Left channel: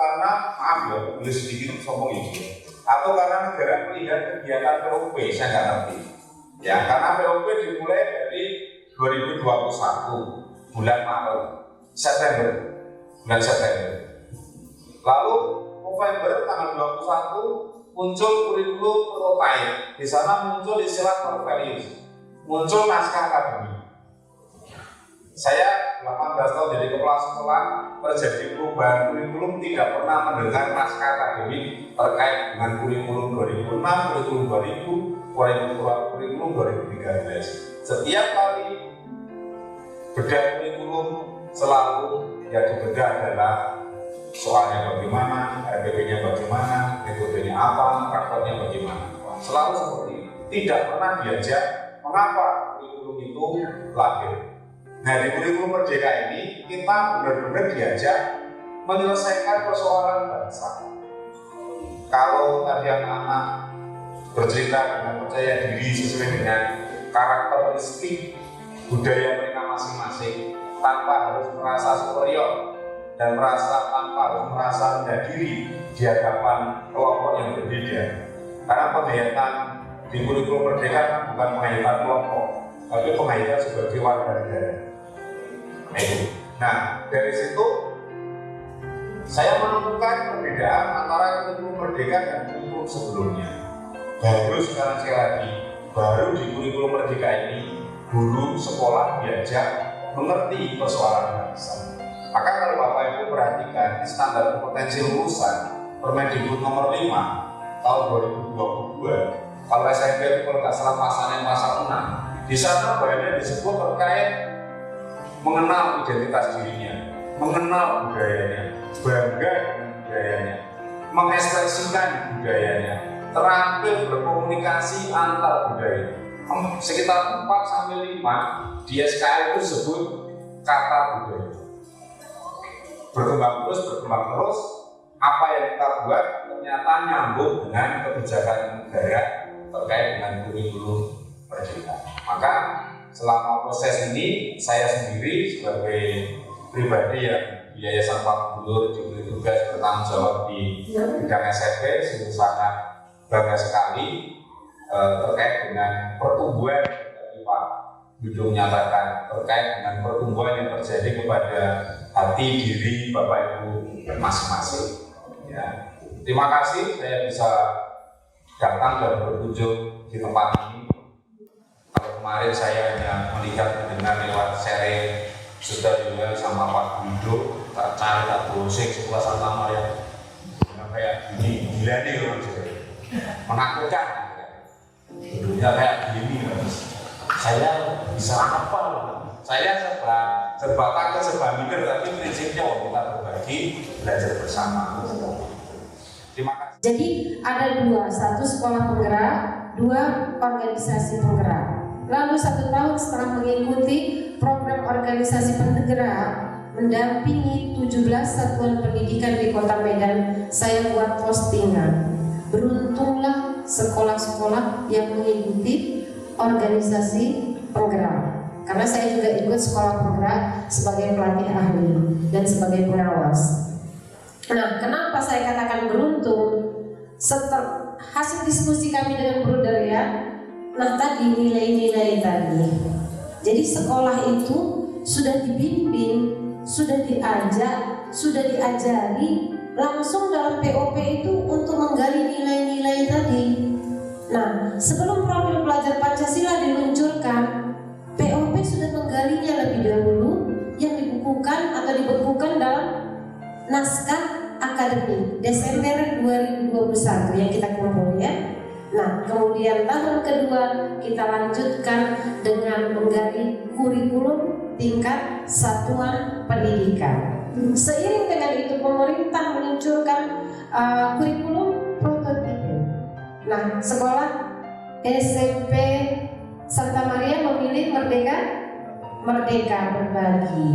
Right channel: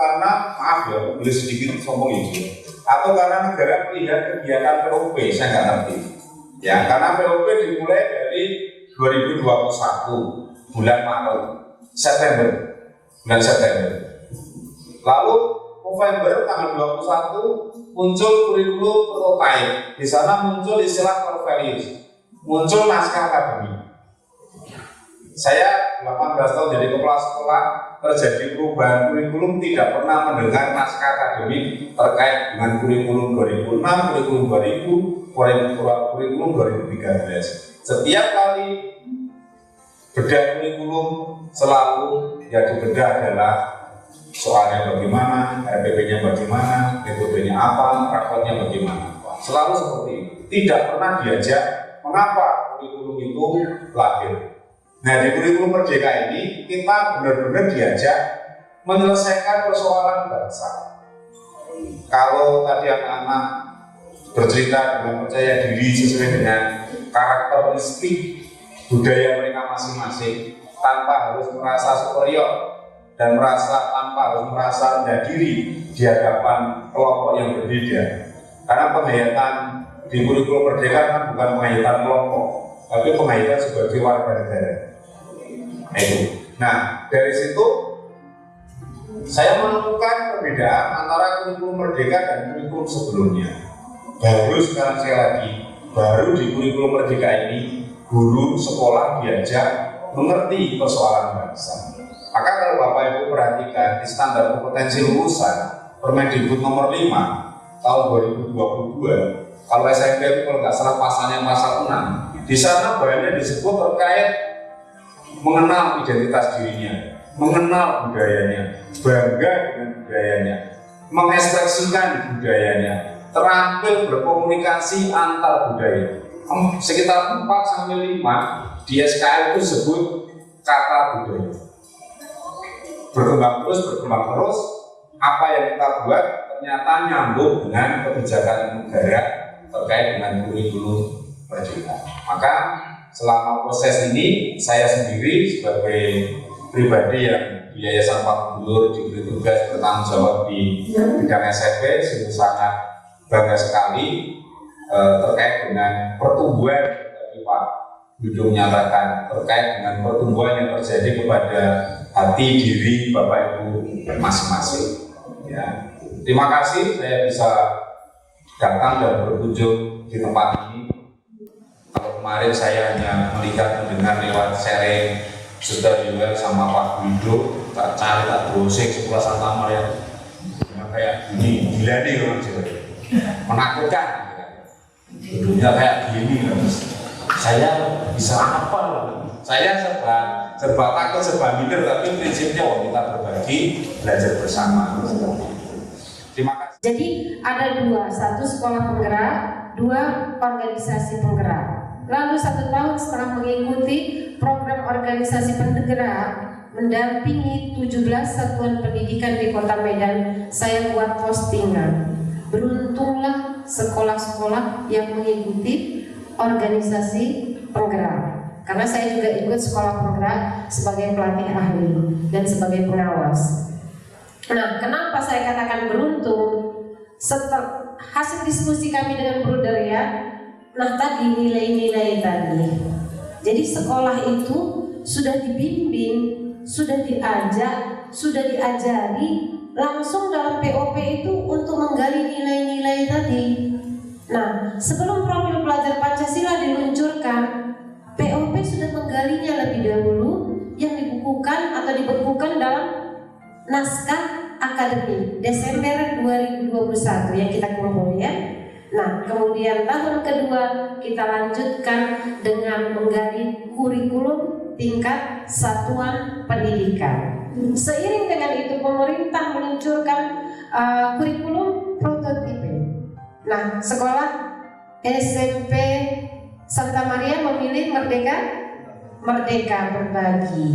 karena maaf ya, boleh sedikit ngomong ini, atau karena negara tidak kegiatan POP, saya nggak ngerti. Ya, karena POP dimulai dari 2021 bulan Maret, bulan September. Lalu November tanggal 21 muncul kurikulum prototype. Di sana muncul istilah profilius, muncul naskah akademik. Saya 18 tahun jadi kepala sekolah, terjadi perubahan kurikulum, tidak pernah mendengar naskah akademik terkait dengan kurikulum 2006, kurikulum 2000, kurikulum 2013. Setiap kali bedah kurikulum selalu yang dibedah adalah soalnya bagaimana, RPP-nya bagaimana, metodenya apa, prakteknya bagaimana. Selalu seperti ini. Tidak pernah diajak mengapa kurikulum itu lahir. Nah, di kurikulum Merdeka ini kita benar-benar diajak menyelesaikan persoalan bangsa. Kalau tadi anak-anak bercerita dan percaya diri sesuai dengan karakteristik budaya mereka masing-masing, tanpa harus merasa superior dan tanpa harus merasa rendah diri di hadapan kelompok yang berbeda. Karena penghayatan di kurikulum Merdeka bukan penghayatan kelompok, tapi penghayatan sebagai warga negara. Nah, dari situ saya menemukan perbedaan antara kurikulum Merdeka dan kurikulum sebelumnya. Baru di kurikulum Merdeka ini dulu sekolah diajak mengerti persoalan bangsa. Maka kalau Bapak Ibu perhatikan di standar kompetensi lulusan Permendikbud nomor 5 tahun 2022, kalau SMP itu kalau nggak salah pasalnya pasal 6, di sana banyak disebut terkait mengenal identitas dirinya, mengenal budayanya, bangga dengan budayanya, mengekspresikan budayanya, terampil berkomunikasi antar budaya. Sekitar 4-5 di SKI itu disebut kata budaya. Berkembang terus, apa yang kita buat ternyata nyambung dengan kebijakan negara terkait dengan kurikulum Merdeka. Maka selama proses ini saya sendiri sebagai pribadi yang di Yayasan Pak Gubernur diberi tugas bertanggung jawab di bidang SMP, sungguh sangat bangga sekali terkait dengan pertumbuhan yang Pak Widodo menyatakan terkait dengan pertumbuhan yang terjadi kepada hati diri Bapak Ibu masing-masing. Ya. Terima kasih saya bisa datang dan berkunjung di tempat ini. Kalau kemarin saya hanya melihat dengan lewat sharing sudah juga sama Pak Widodo, tak cari, tak browsing suasana yang kayak ini, gila nih yang menakutkan. Tentunya kayak gini, saya bisa apa? Saya serba atau serba mikir, tapi prinsipnya kita berbagi, belajar bersama. Terima kasih. Jadi ada dua, satu sekolah penggerak, dua organisasi penggerak. Lalu 1 tahun setelah mengikuti program organisasi penggerak, mendampingi 17 satuan pendidikan di Kota Medan, saya buat postingan. Beruntunglah sekolah-sekolah yang mengikuti organisasi penggerak. Karena saya juga ikut sekolah penggerak sebagai pelatih ahli dan sebagai pengawas. Nah, kenapa saya katakan beruntung? Setelah hasil diskusi kami dengan Bruder ya, nah tadi nilai-nilai tadi. Jadi sekolah itu sudah dibimbing, sudah diajak, sudah diajari langsung dalam POP itu untuk menggali nilai-nilai tadi. Nah, sebelum profil pelajar Pancasila diluncurkan, POP sudah menggalinya lebih dahulu yang dibukukan atau dibekukan dalam naskah akademik Desember 2021 yang kita kumpul ya. Nah, kemudian tahun kedua kita lanjutkan dengan menggali kurikulum tingkat satuan pendidikan. Seiring dengan itu pemerintah meluncurkan kurikulum prototipe. Nah, sekolah SMP Santa Maria memilih Merdeka Berbagi.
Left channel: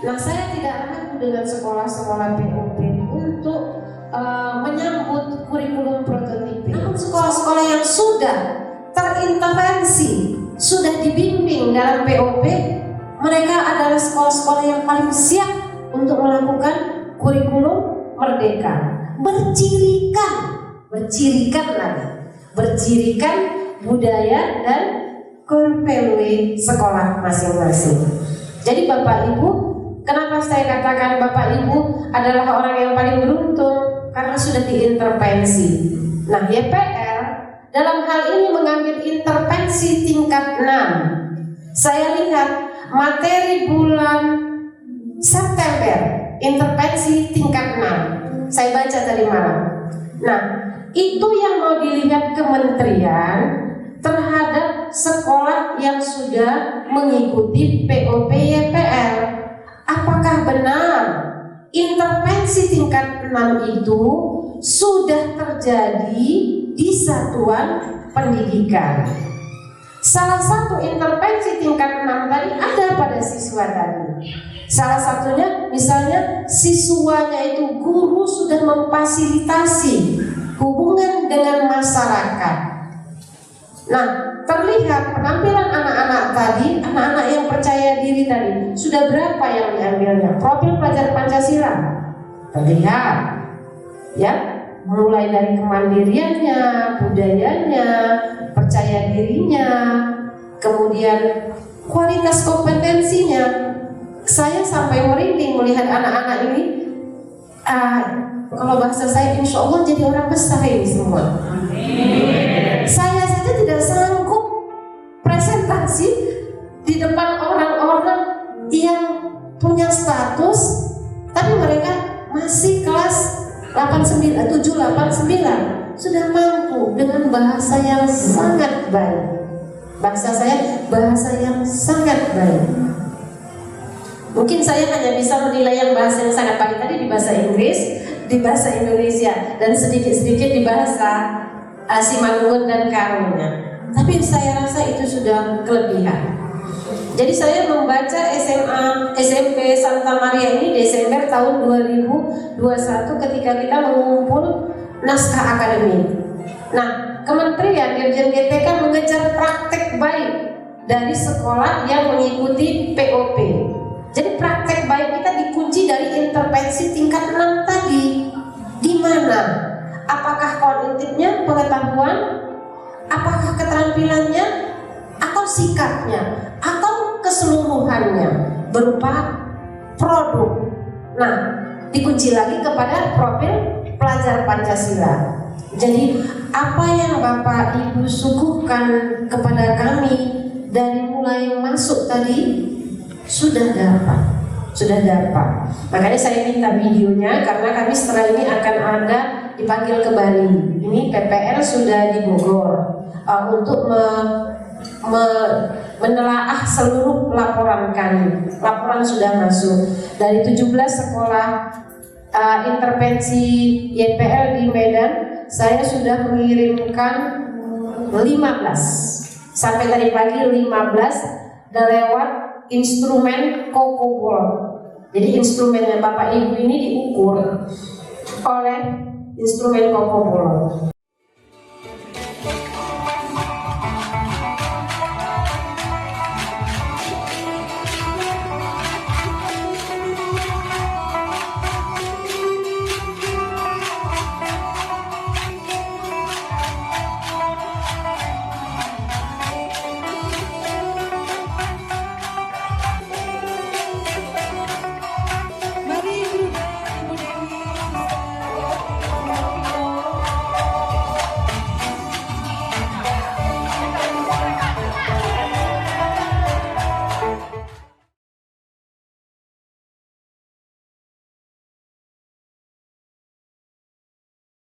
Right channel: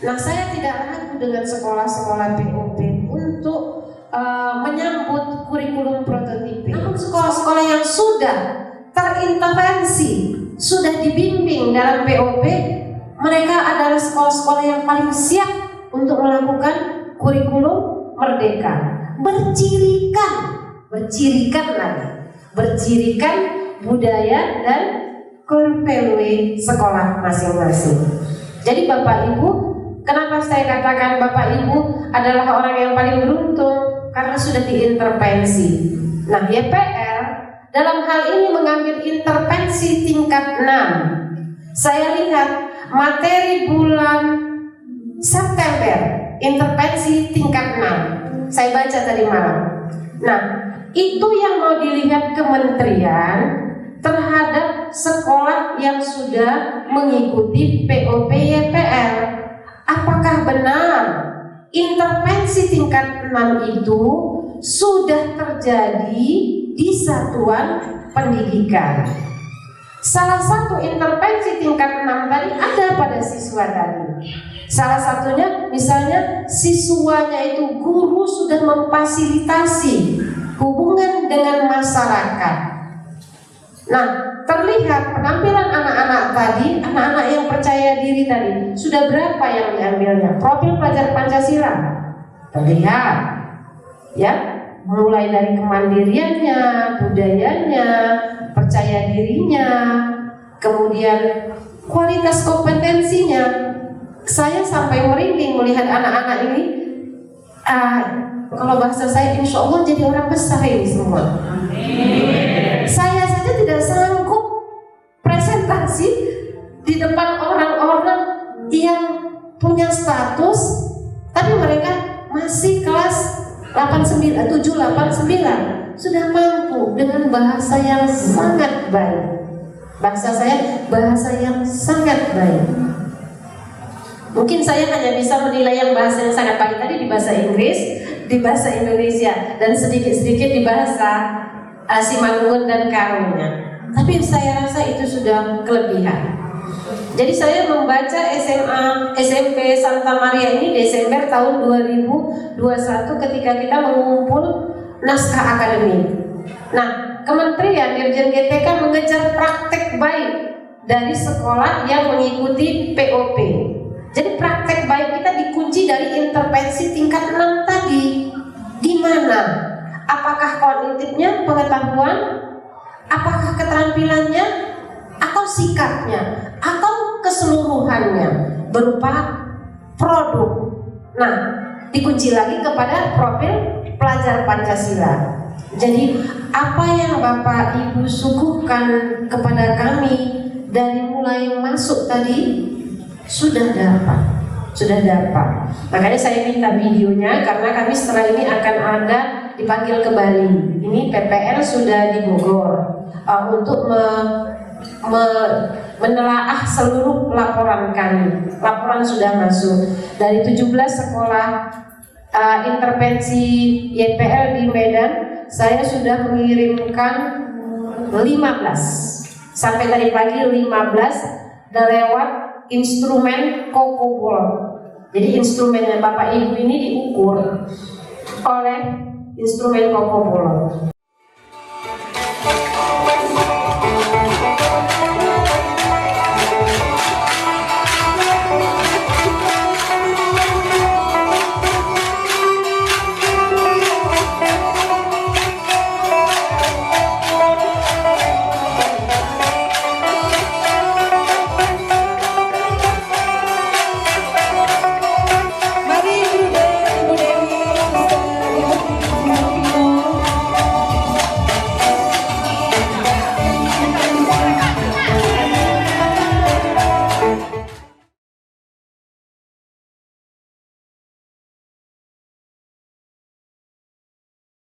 Nah, saya tidak ragu dengan sekolah-sekolah POP untuk menyambut kurikulum prototipe. Namun sekolah-sekolah yang sudah terintervensi, sudah dibimbing dalam POP, mereka adalah sekolah-sekolah yang paling siap untuk melakukan kurikulum merdeka, bercirikan budaya dan core value sekolah masing-masing. Jadi Bapak Ibu, kenapa saya katakan Bapak Ibu adalah orang yang paling beruntung? Karena sudah diintervensi. Nah, YPL dalam hal ini mengambil intervensi tingkat 6. Saya lihat materi bulan September, intervensi tingkat 6. Saya baca tadi malam. Nah, itu yang mau dilihat kementerian terhadap sekolah yang sudah mengikuti POP YPL. Apakah benar intervensi tingkat 6 itu sudah terjadi di satuan pendidikan? Salah satu intervensi tingkat 6 tadi ada pada siswa tadi. Salah satunya misalnya siswanya itu guru sudah memfasilitasi hubungan dengan masyarakat. Nah, terlihat penampilan anak-anak tadi, anak-anak yang percaya diri tadi, sudah berapa yang diambilnya? Profil pelajar Pancasila terlihat, ya, mulai dari kemandiriannya, budayanya, percaya dirinya, kemudian kualitas kompetensinya. Saya sampai merinding melihat anak-anak ini. Kalau bahasa saya, insya Allah jadi orang besar ini semua. Saya saja tidak sanggup presentasi di depan orang-orang yang punya status, tapi mereka masih kelas 7, 8, 9 sudah mampu dengan bahasa yang sangat baik. Bahasa saya bahasa yang sangat baik. Mungkin saya hanya bisa menilai yang bahasa yang sangat baik tadi di bahasa Inggris, di bahasa Indonesia, dan sedikit-sedikit di bahasa Simalungun dan Karunya. Tapi saya rasa itu sudah kelebihan. Jadi saya membaca SMP Santa Maria ini Desember tahun 2021 ketika kita mengumpul naskah akademik. Nah, Kementerian Dirjen GTK mengejar praktek baik dari sekolah yang mengikuti POP. Jadi praktek baik kita dikunci dari intervensi tingkat 6 tadi. Di mana? Apakah kognitifnya, pengetahuan, apakah keterampilannya, atau sikapnya, atau keseluruhannya berupa produk. Nah, dikunci lagi kepada profil pelajar Pancasila. Jadi apa yang Bapak Ibu suguhkan kepada kami dari mulai masuk tadi sudah dapat. Makanya saya minta videonya karena kami setelah ini akan ada dipanggil ke Bali. Ini PPL sudah di Bogor untuk menelaah seluruh laporan kami. Laporan sudah masuk dari 17 sekolah intervensi YPL di Medan. Saya sudah mengirimkan 15 sampai tadi pagi 15 dan lewat instrumen Kokopol. Jadi instrumennya Bapak Ibu ini diukur oleh instrumen Kokopol.